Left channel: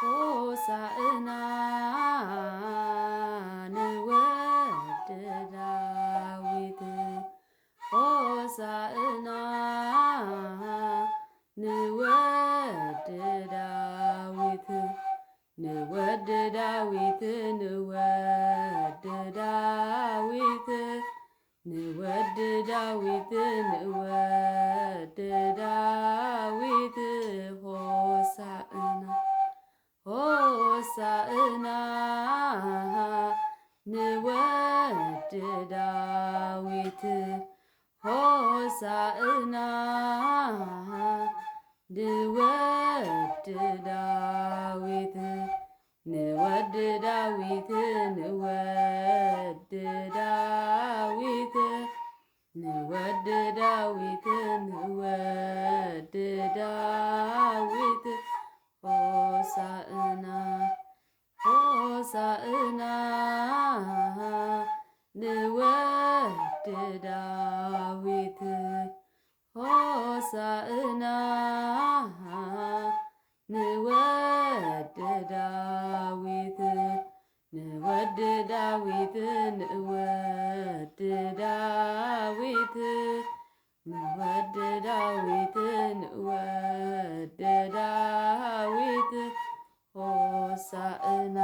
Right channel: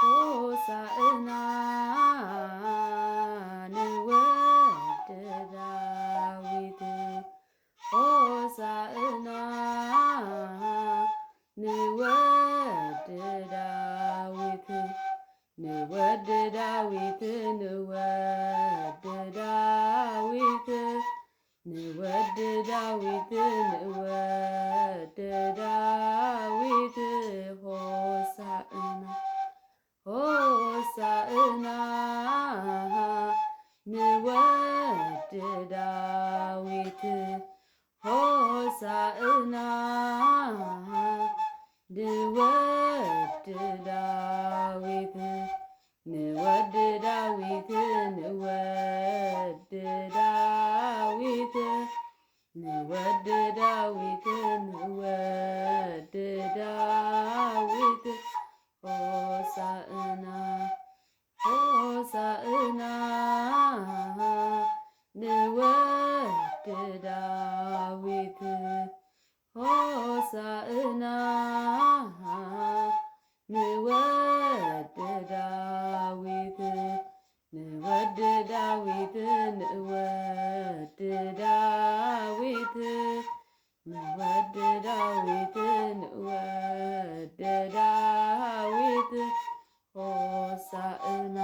ሆሳዕና ንወልደ ዳዊት ሆሳዕና ንወልደ ዳዊት ንወልደ ዳዊት ንወልደ ዳዊት ንወልደ ዳዊት ንወልደ ዳዊት ሆሳዕና ሆሳዕና ንወልደ ዳዊት ሆሳዕና ንወልደ ዳዊት ንወልደ ዳዊት ንወልደ ዳዊት ንወልደ ዳዊት ንወልደ ዳዊት ሆሳዕና ሆሳዕና ንወልደ ዳዊት ሆሳዕና ንወልደ ዳዊት ንወልደ ዳዊት ንወልደ ዳዊት ንወልደ ዳዊት ንወልደ ዳዊት ሆሳዕና